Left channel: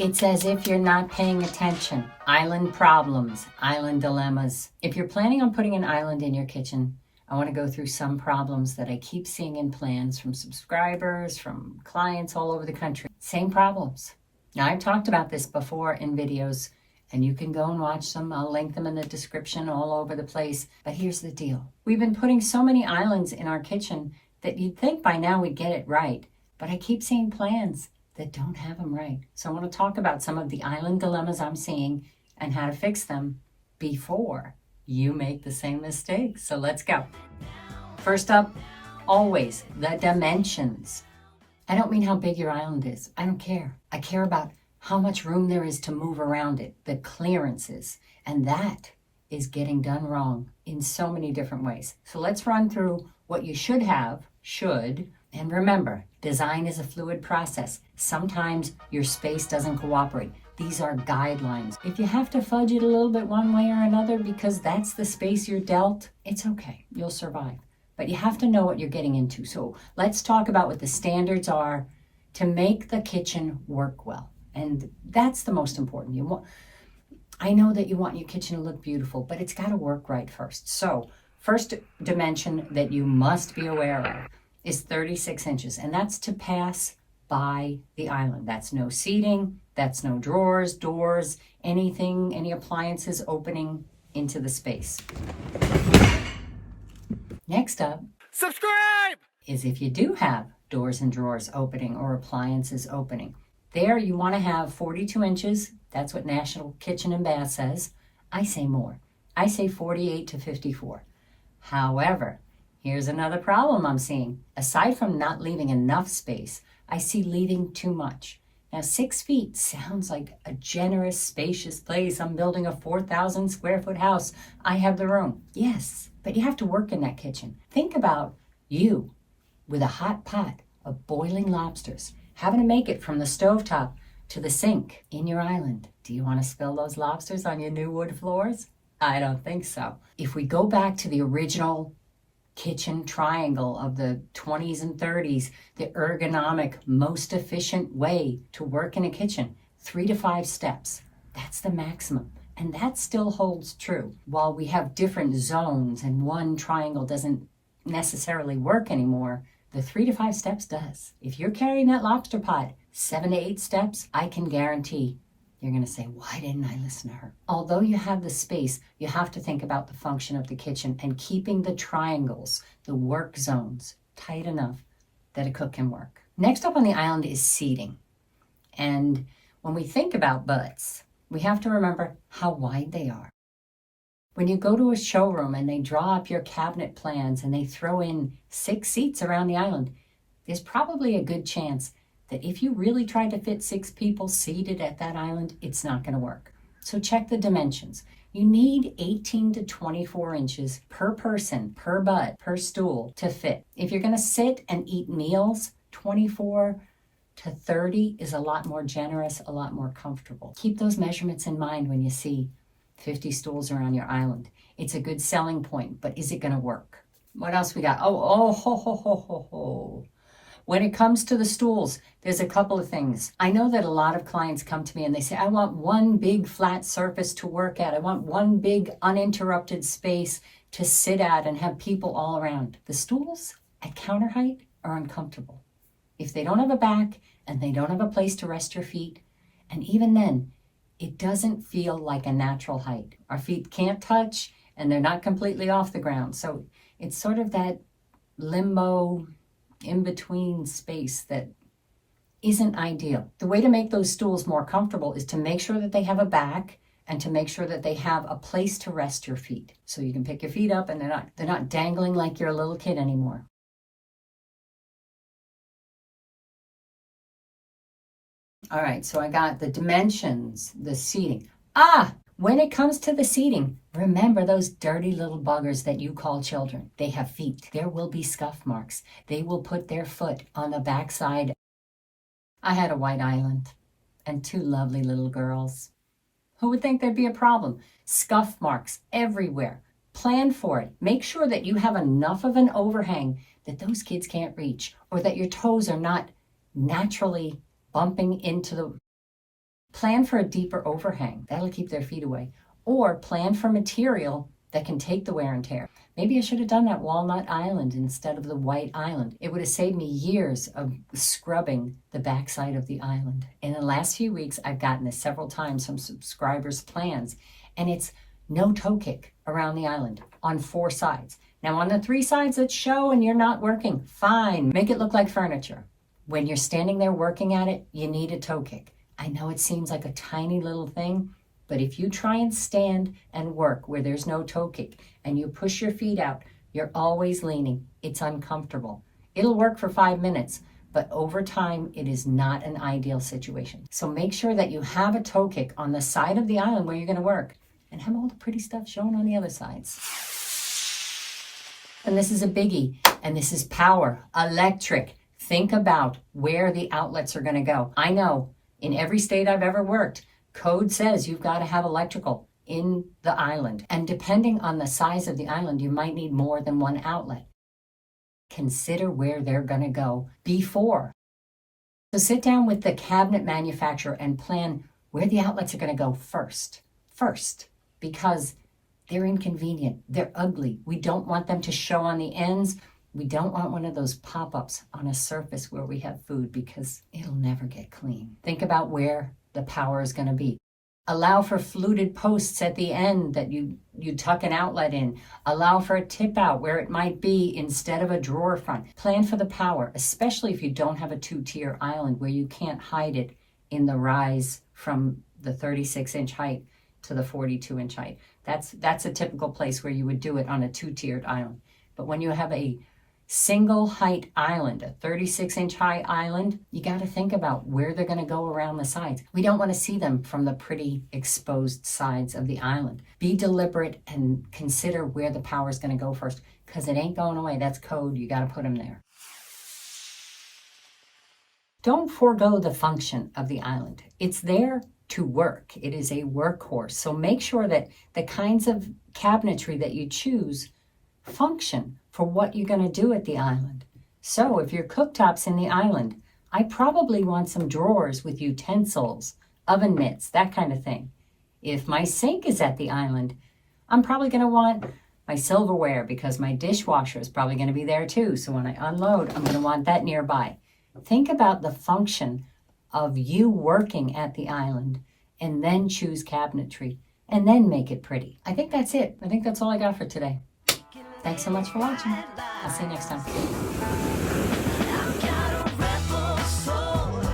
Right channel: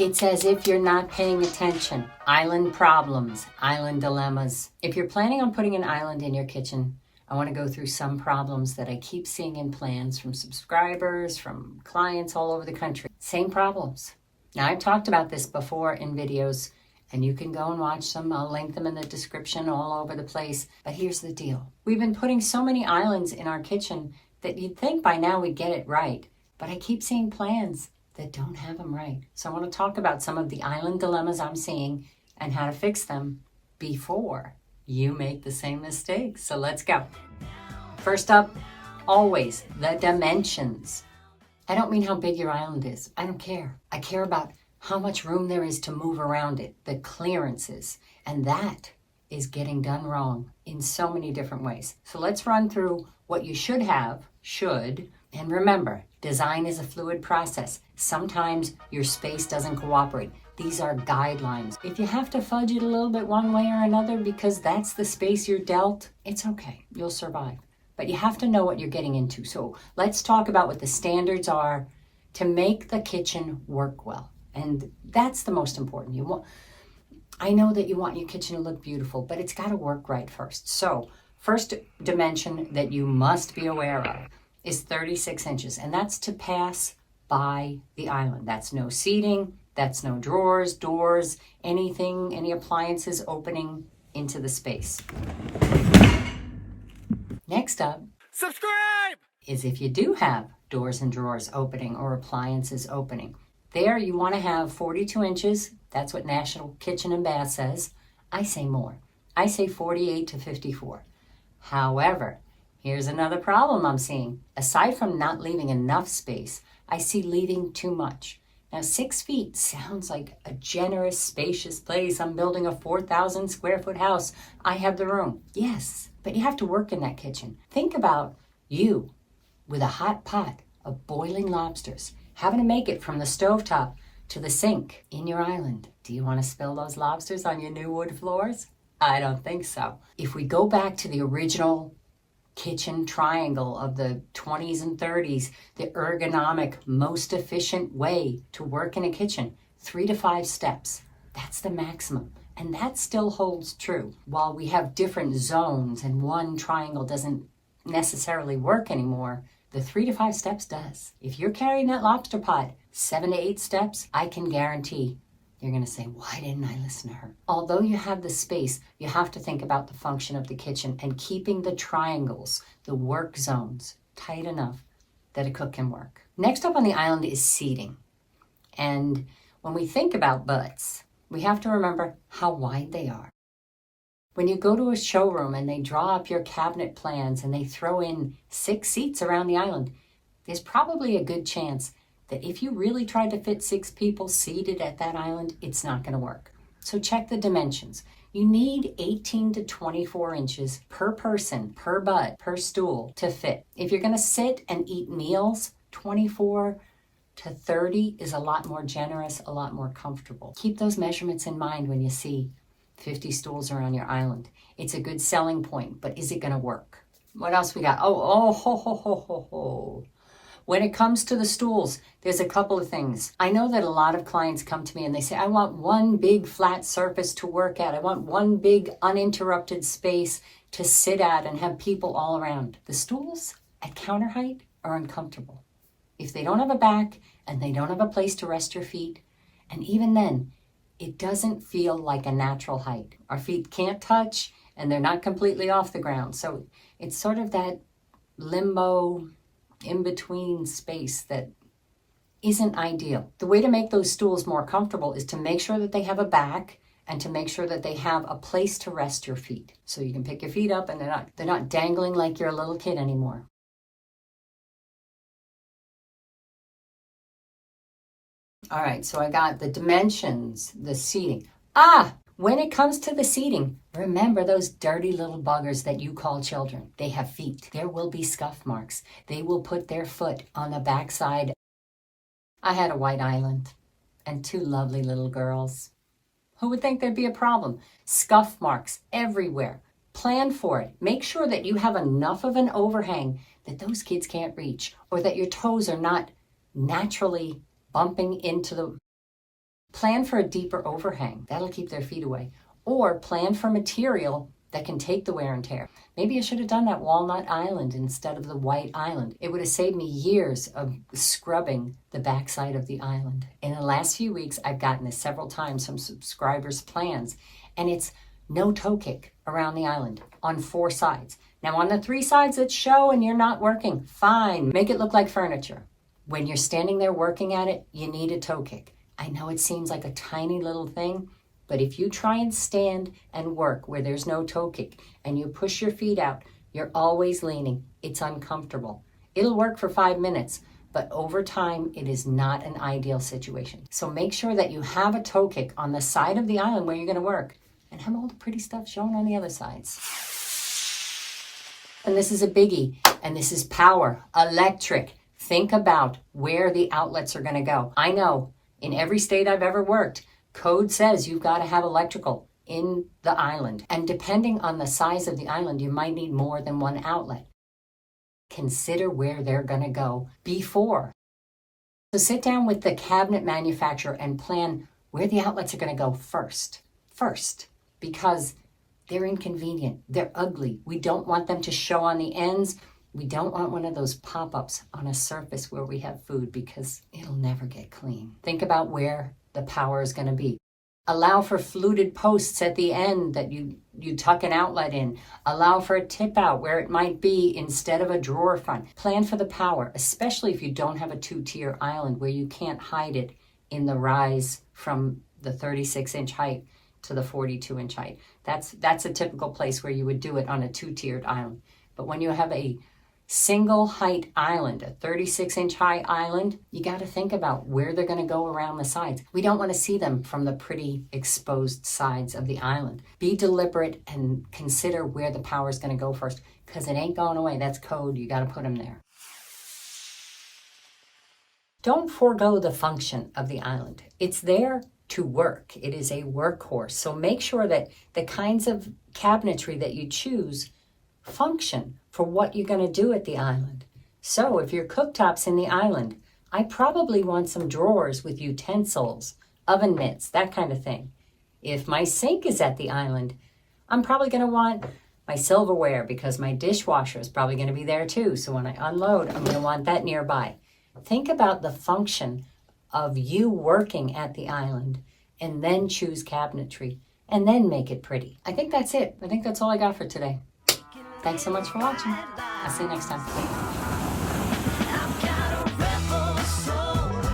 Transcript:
It's as if you're not paying attention. Island problems, island dilemmas. If you're planning on putting an island in your kitchen, I want to go through some problems that I keep seeing in plans from subscribers, from clients all over the country. Same problems. Now, I've talked about this before in videos, and you can go and watch them. I'll link them in the description all over the place. But here's the deal. We've been putting so many islands in our kitchen that you'd think by now we'd get it right. But I keep seeing plans that don't have them right. So I want to talk about some of the island dilemmas I'm seeing and how to fix them before you make the same mistakes. So let's go. First up, always the dimensions. I don't mean how big your island is. I don't care. I care about how much room there is to move around it, the clearances. And that is getting done wrong in so many different ways. So let's run through what you should have, and remember, design is a fluid process. Sometimes your space doesn't cooperate. These are guidelines. If you have to fudge it a little bit one way or another because that's the space you're dealt, it's okay. You'll survive. But you have to know what you're getting into. So let's talk about what the standards are to make the kitchen work well. And that's the most important. I know that you want your kitchen to look beautiful, but it's got to work right first. So first dimension that you must be aware of is 36 inches, and that's to pass by the island. That's no seating, that's no drawers, doors, anything, any appliances opening into the space. Next up, subscribe, is if you do have doors and drawers opening or appliances opening. There you want to have 42 inches. That's what National Kitchen and Bath says. I say more. I say 48 to 54. However, here's another problem I'm seeing. Aside from not leaving enough space, I see leaving too much. Now, 6 feet sounds like a generous, spacious place. I'm building a 4,000 square foot house. I have the room. Yes, but you have to work in that kitchen. Think about you with a hot pot of boiling lobsters, having to make it from the stovetop to the sink in your island. Do you want to spill those lobsters on your new wood floors? I don't think so. If we go back to the original kitchen triangle of the 20s and 30s, the ergonomic, most efficient way to work in a kitchen, 3 to 5 steps. That's the maximum. And that still holds true. While we have different zones and one triangle doesn't necessarily work anymore, the 3 to 5 steps does. If you're carrying that lobster pot 7 to 8 steps, I can guarantee you're going to say, why didn't I listen to her? Although you have the space, you have to think about the function of the kitchen and keeping the triangles, the work zones, tight enough that a cook can work. Next up on the island is seating. And when we think about butts, we have to remember how wide they are. When you go to a showroom and they draw up your cabinet plans and they throw in 6 seats around the island, there's probably a good chance that if you really tried to fit 6 people seated at that island, it's not going to work. So check the dimensions. You need 18 to 24 inches per person, per butt, per stool to fit. If you're going to sit and eat meals, 24 to 30 is a lot more generous, a lot more comfortable. Keep those measurements in mind when you see 50 stools around your island. It's a good selling point, but is it going to work? What else we got? When it comes to the stools, there's a couple of things. I know that a lot of clients come to me and they say, I want one big flat surface to work at. I want one big uninterrupted space to sit at and have people all around. The stools at counter height are uncomfortable. If they don't have a back and they don't have a place to rest your feet, and even then, it doesn't feel like a natural height. Our feet can't touch and they're not completely off the ground. So it's sort of that limbo in-between space that isn't ideal. The way to make those stools more comfortable is to make sure that they have a back and to make sure that they have a place to rest your feet. So you can pick your feet up and they're not dangling like you're a little kid anymore. All right, so I got the dimensions, the seating. When it comes to the seating, remember those dirty little buggers that you call children. They have feet. There will be scuff marks. They will put their foot on the backside. I had a white island and 2 lovely little girls. Who would think there'd be a problem? Scuff marks everywhere. Plan for it. Make sure that you have enough of an overhang that those kids can't reach, or that your toes are not naturally bumping into the Plan for a deeper overhang. That'll keep their feet away. Or plan for material that can take the wear and tear. Maybe I should have done that walnut island instead of the white island. It would have saved me years of scrubbing the backside of the island. In the last few weeks, I've gotten this several times from subscribers' plans, and it's no toe kick around the island on 4 sides. Now on the 3 sides that show and you're not working, fine, make it look like furniture. When you're standing there working at it, you need a toe kick. I know it seems like a tiny little thing, but if you try and stand and work where there's no toe kick and you push your feet out, you're always leaning. It's uncomfortable. It'll work for 5 minutes, but over time, it is not an ideal situation. So make sure that you have a toe kick on the side of the island where you're gonna work and have all the pretty stuff shown on the other sides. And this is a biggie, and this is power, electric. Think about where the outlets are gonna go. I know in every state I've ever worked, code says you've got to have electrical in the island. And depending on the size of the island, you might need more than 1 outlet. Consider where they're going to go before. So sit down with the cabinet manufacturer and plan where the outlets are going to go first, because they're inconvenient. They're ugly. We don't want them to show on the ends. We don't want one of those pop-ups on a surface where we have food because it'll never get clean. Think about where the power is going to be. Allow for fluted posts at the end that you tuck an outlet in. Allow for a tip out where it might be instead of a drawer front. Plan for the power, especially if you don't have a 2-tier island where you can't hide it in the rise from the 36-inch height to the 42-inch height. That's a typical place where you would do it on a 2-tiered island. But when you have a single height island, a 36-inch high island, you got to think about where they're going to go around the sides. We don't want to see them from the pretty exposed sides of the island. Be deliberate and consider where the power is going to go first, because it ain't going away. That's code. You got to put them there. Don't forego the function of the island. It's there to work. It is a workhorse. So make sure that the kinds of cabinetry that you choose function for what you're going to do at the island. So if your cooktop's in the island, I probably want some drawers with utensils, oven mitts, that kind of thing. If my sink is at the island, I'm probably going to want my silverware because my dishwasher is probably going to be there too. So when I unload, I'm going to want that nearby. Think about the function of you working at the island and then choose cabinetry and then make it pretty. I think that's it. I think that's all I got for today. Thanks so much for watching. I'll see you next time.